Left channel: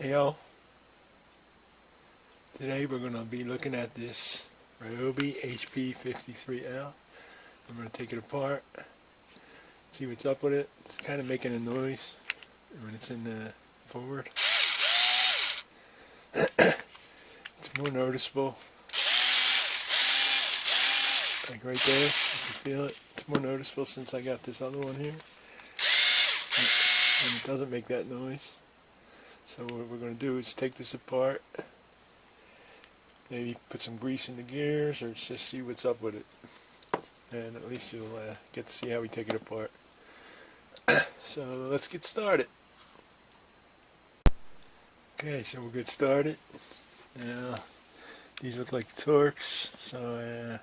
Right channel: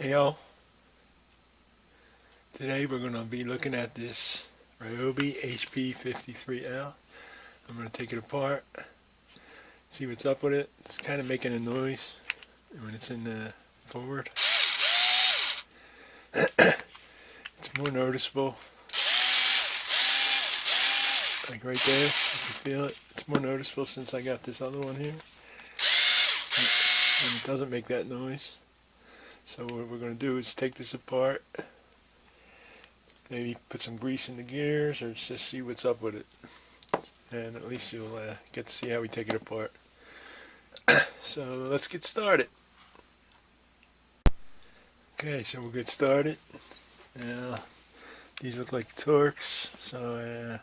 Hey y'all, today we're going to be looking at this Ryobi HP53L. I'm going to take it apart, see what's up with it. It's kind of making a noise when it's in the forward. It's more noticeable, like right there, you can feel it. It's more noticeable since I got this other one here, and it doesn't make that noise. So what we're going to do is take this apart, maybe put some grease in the gears, or just see what's up with it. And at least you'll get to see how we take it apart. So let's get started. Okay, so we'll get started. Now, these look like Torx, so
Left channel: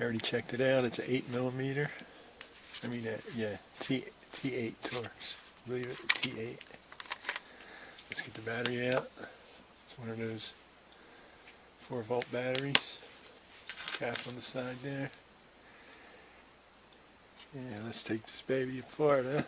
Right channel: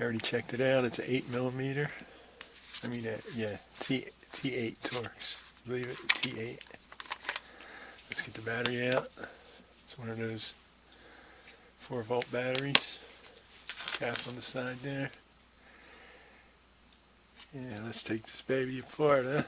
I already checked it out. It's an 8mm. I mean, yeah, T8 Torx. I believe it, T8. Let's get the battery out. It's one of those 4-volt batteries. Cap on the side there. Yeah, let's take this baby apart, huh?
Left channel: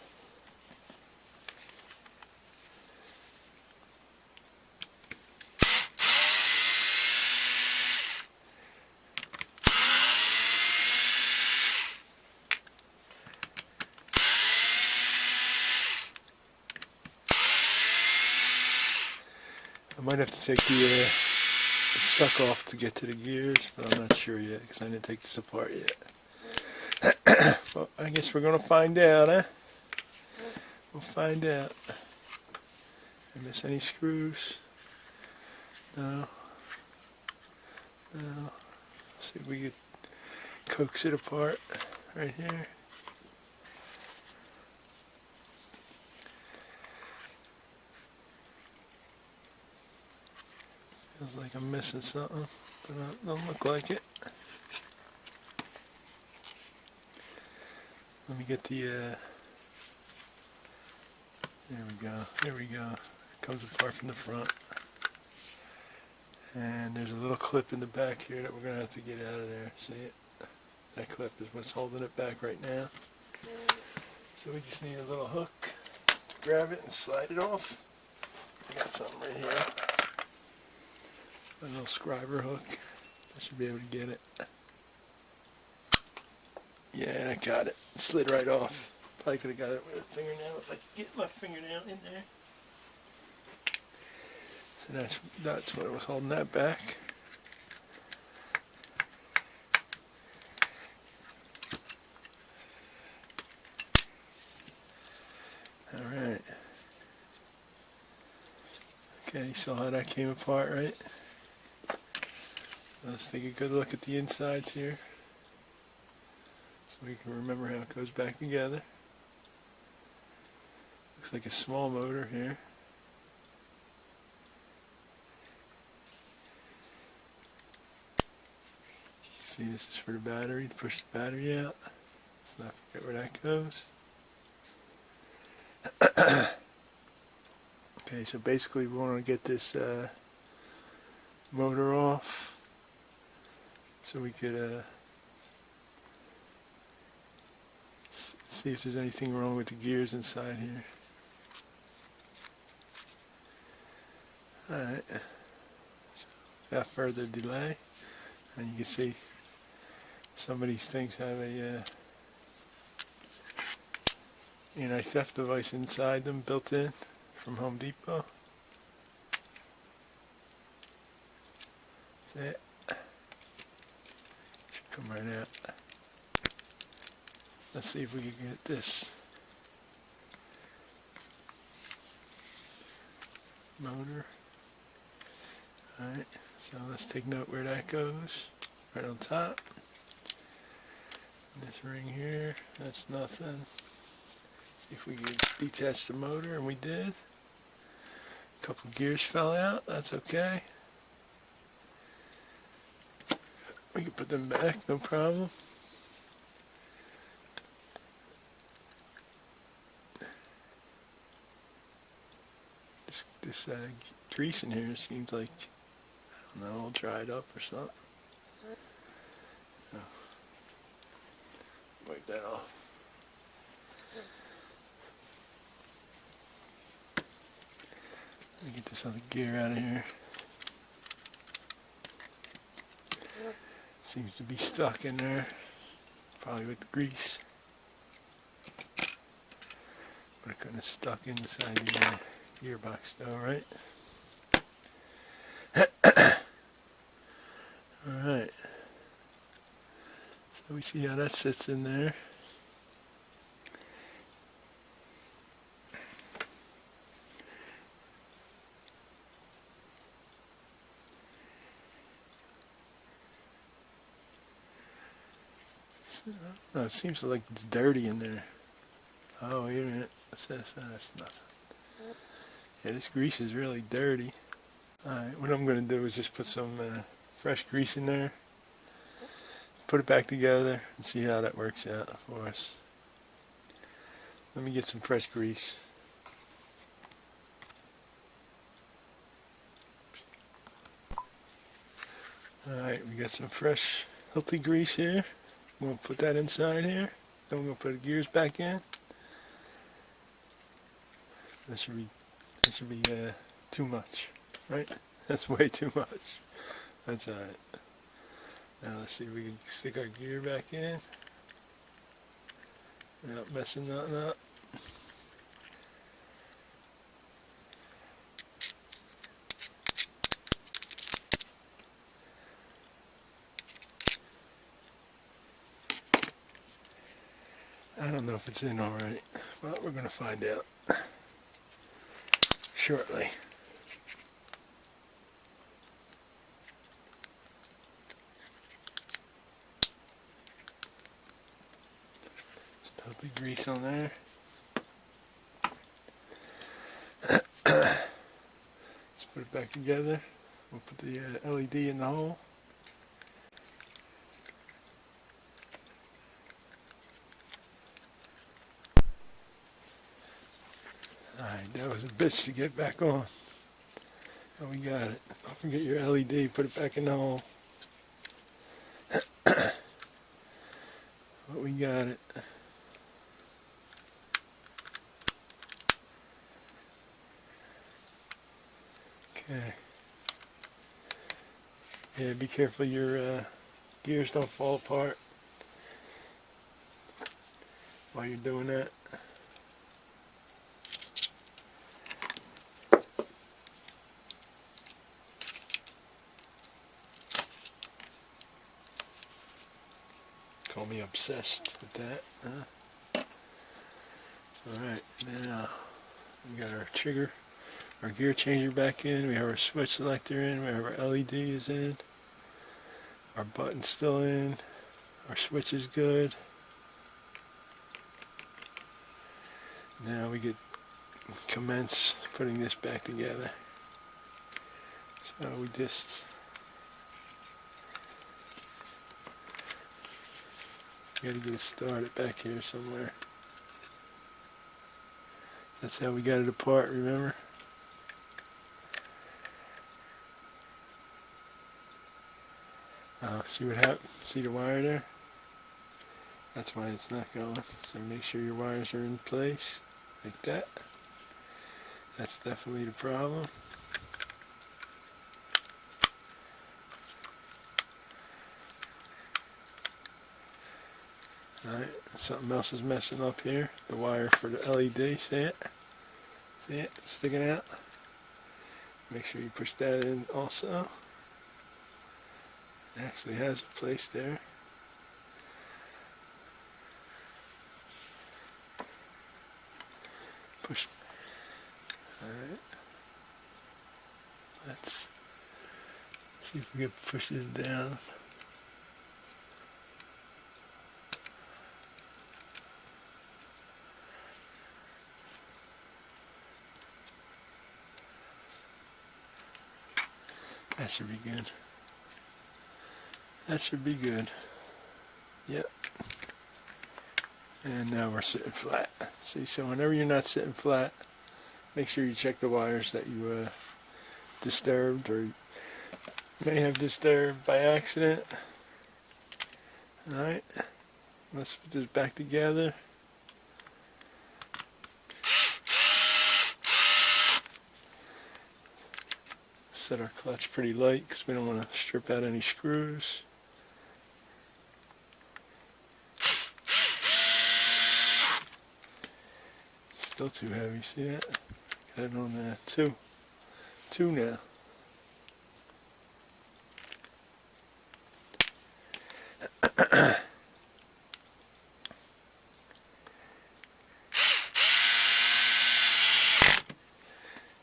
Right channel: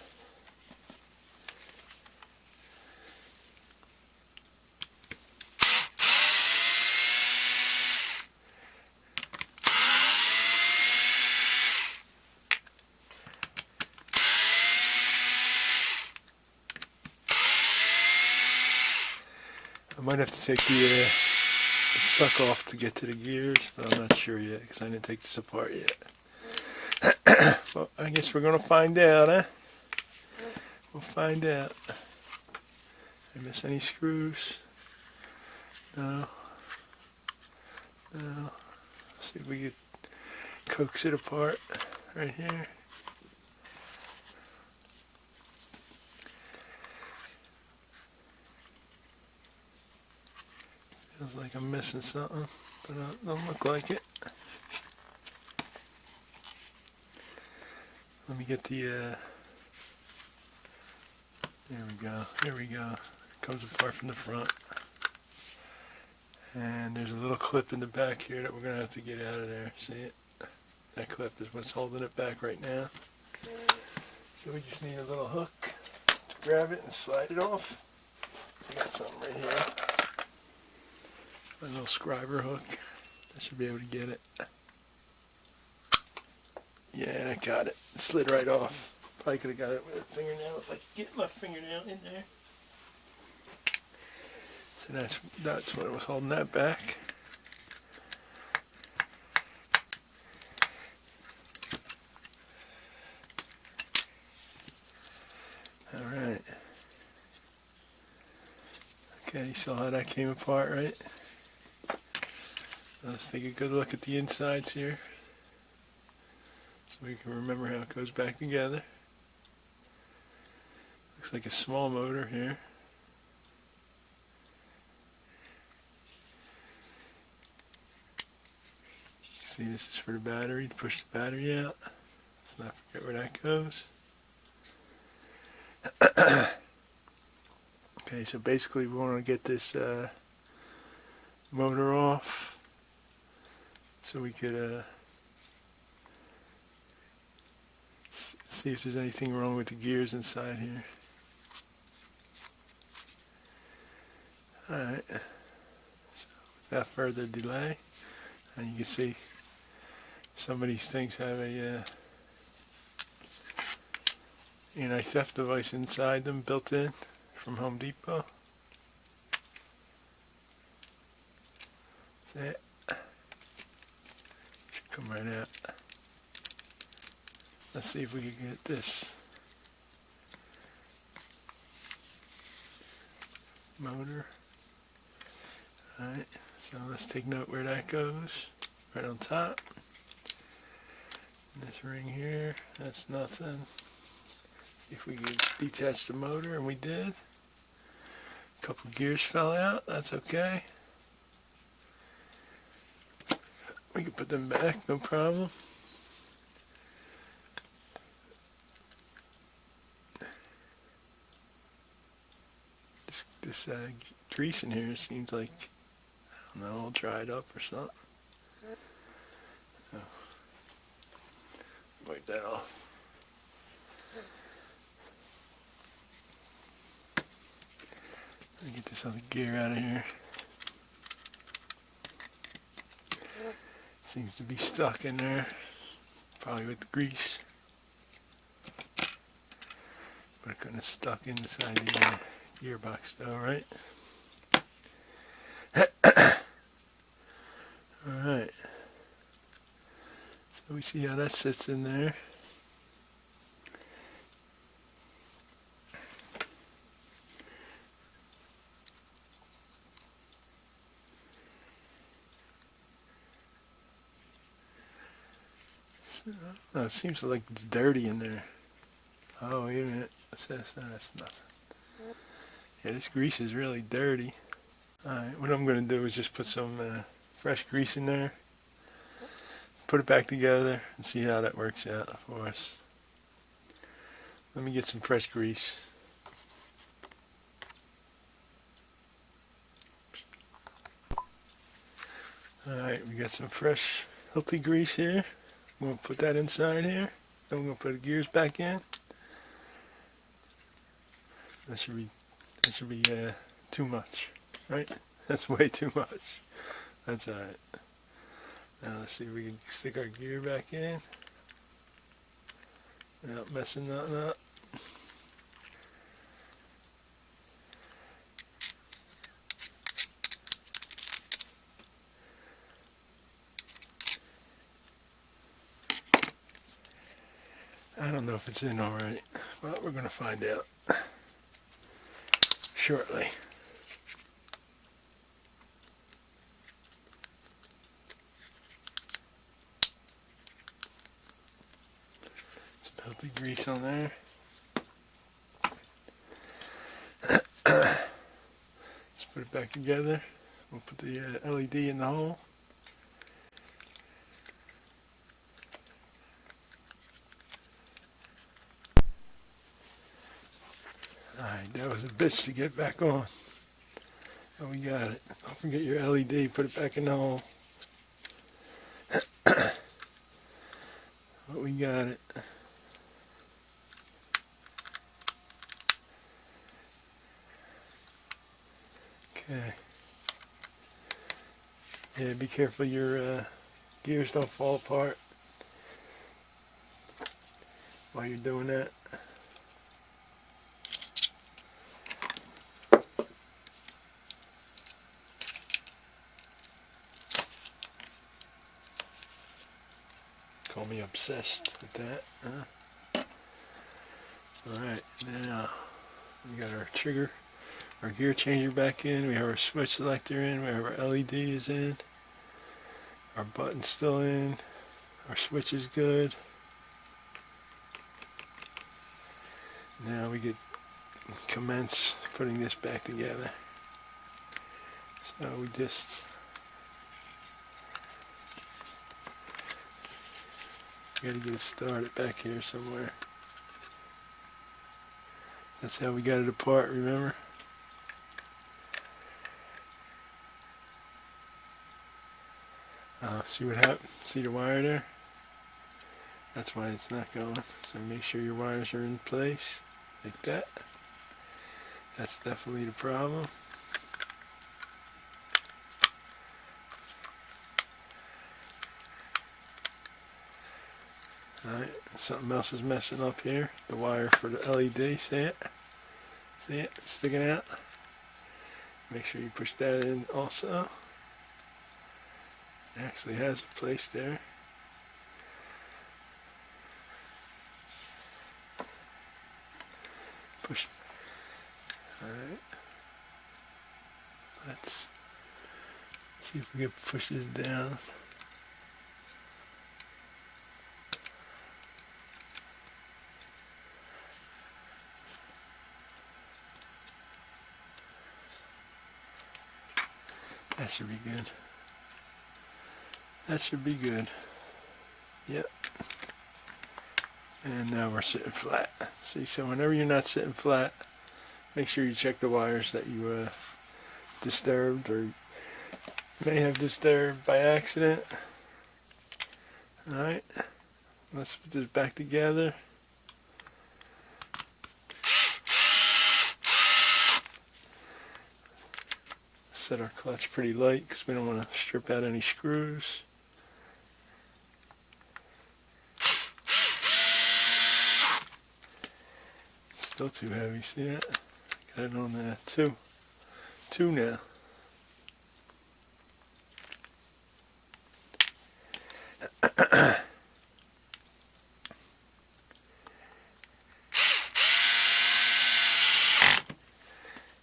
I might have to take the stuck off to get to the gears, but I'm not sure yet because I didn't take this apart yet. Well, I guess we're going to find out, huh? We'll find out. Did I miss any screws? No. No. Let's see if we can coax it apart right here. Feels like I'm missing something, but it don't look like it. Let me get the, there we go, there we go. It comes apart from the front. And there's a little clip in the back here that we're going to have to get out of there. See it? That clip is what's holding it back right now. So we just need a little hook to grab it and slide it off. I got something right here. A little scriber hook. I should be able to get it. Yeah, I got it. It slid right off. Probably could have got it with a fingernail if I could get my fingernail in there. So that's what was holding that back. Alright. Okay, you saw how that came apart, right? Let's take a good look at the insides here, so we can remember how it goes back together. Looks like a small motor here. See, this is for the battery, to push the battery out. Let's not forget where that goes. Okay, so basically we want to get this motor off so we could see if there's anything wrong with the gears inside here. Alright, so without further delay, and you can see some of these things have a anti-theft device inside them, built in from Home Depot. That's it. Should come right out. Let's see if we can get this motor. Alright, so let's take note where that goes. Right on top. This ring here, that's nothing. See if we can detach the motor, and we did. A couple gears fell out, that's okay. We can put them back, no problem. This grease in here seems like, I don't know, all dried up or something. Oh. Wipe that off. Let me get this other gear out of here. Seems to be stuck in there, probably with the grease. But it couldn't have stuck inside the gearbox though, right? Alright. So we see how that sits in there. Oh, it seems like it's dirty in there. Oh, wait a minute. What's this? Oh, that's nothing. Yeah, this grease is really dirty. Alright, what I'm going to do is just put some fresh grease in there. Put it back together and see how that works out for us. Let me get some fresh grease. Alright, we got some fresh, healthy grease here. I'm going to put that inside here. Then we're going to put the gears back in. That should be too much, right? That's way too much. That's alright. Now let's see if we can stick our gear back in without messing nothing up. I don't know if it's in alright, but we're going to find out shortly. Some healthy grease on there. Let's put it back together. We'll put the LED in the hole. Alright, that was a bitch to get back on. Oh, we got it. Don't forget your LED, put it back in the hole. But we got it. Okay. Yeah, be careful your gears don't fall apart while you're doing that. Call me obsessed with that, huh? Alright, now we got our trigger, our gear changer back in, we have our switch selector in, we have our LED is in, our button's still in, our switch is good. Now we could commence putting this back together. So we just got to get it started back here somewhere. That's how we got it apart, remember? See what happened? See the wire there? That's why it's not going. So make sure your wires are in place, like that. That's definitely the problem. Alright, something else is messing up here. The wire for the LED, see it? See it? It's sticking out. Make sure you push that in also. It actually has a place there. Push. Alright. Let's see if we can push this down. That should be good. That should be good. Yep. And now we're sitting flat. See, so whenever you're not sitting flat, make sure you check the wires that you disturbed or may have disturbed by accident. Alright. Let's put this back together. Set our clutch pretty light because we don't want to strip out any screws. Still too heavy, see that? Got it on there, two now.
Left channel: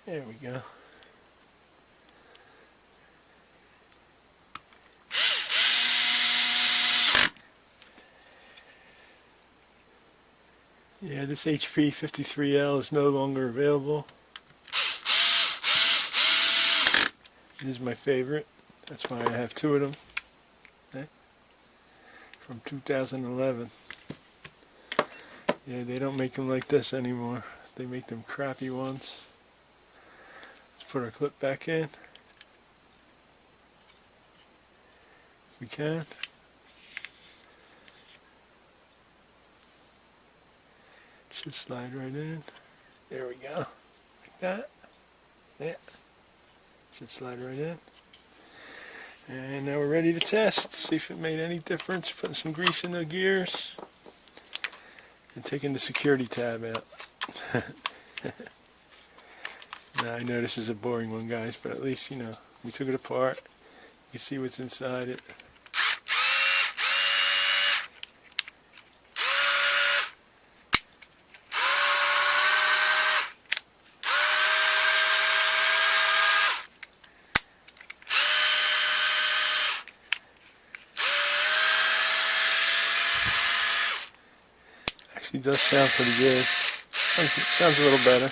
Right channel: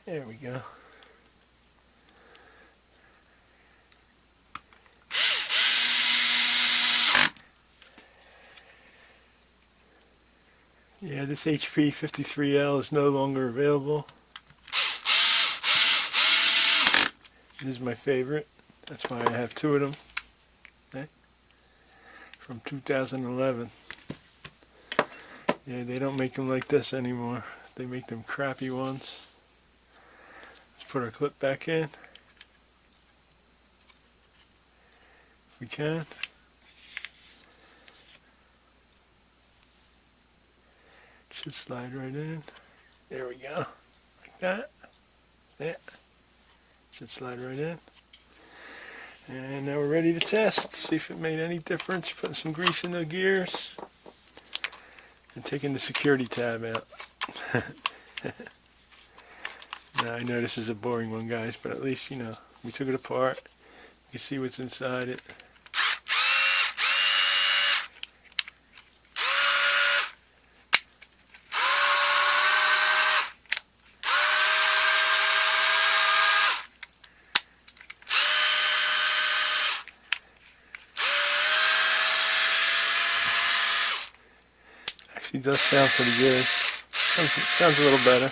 There we go. Yeah, this HP53L is no longer available. This is my favorite. That's why I have two of them. Okay. From 2011. Yeah, they don't make them like this anymore. They make them crappy ones. Let's put our clip back in. If we can. Should slide right in. There we go. Like that. Yeah. Should slide right in. And now we're ready to test. See if it made any difference. Putting some grease in the gears. And taking the security tab out. Now I know this is a boring one, guys, but at least, you know, we took it apart. You can see what's inside it. Actually does sound pretty good. Sounds a little better.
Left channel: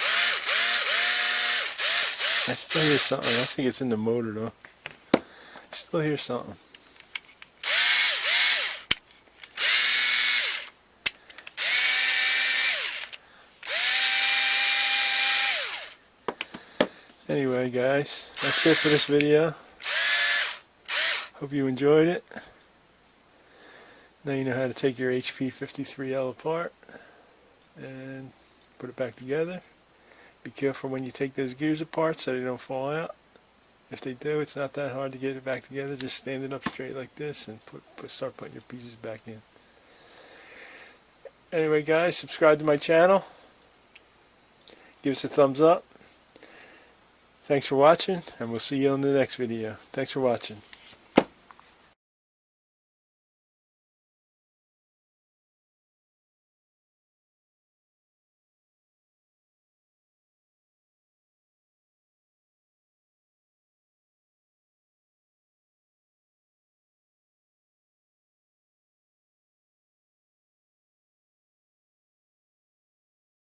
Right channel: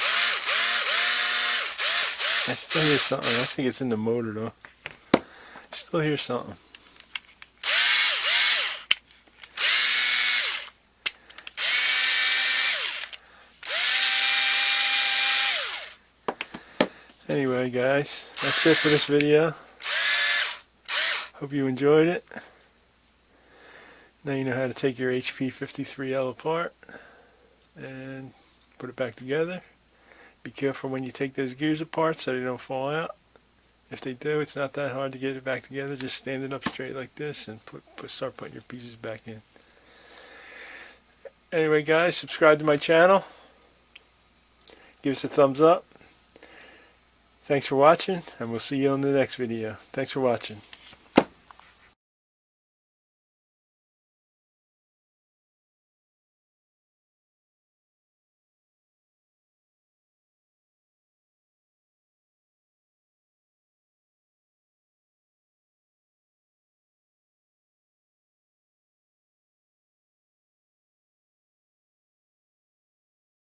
I still hear something. I think it's in the motor though. I still hear something. Anyway guys, that's it for this video. Hope you enjoyed it. Now you know how to take your HP53L apart and put it back together. Be careful when you take those gears apart so they don't fall out. If they do, it's not that hard to get it back together. Just stand it up straight like this and start putting your pieces back in. Anyway guys, subscribe to my channel. Give us a thumbs up. Thanks for watching, and we'll see you on the next video. Thanks for watching.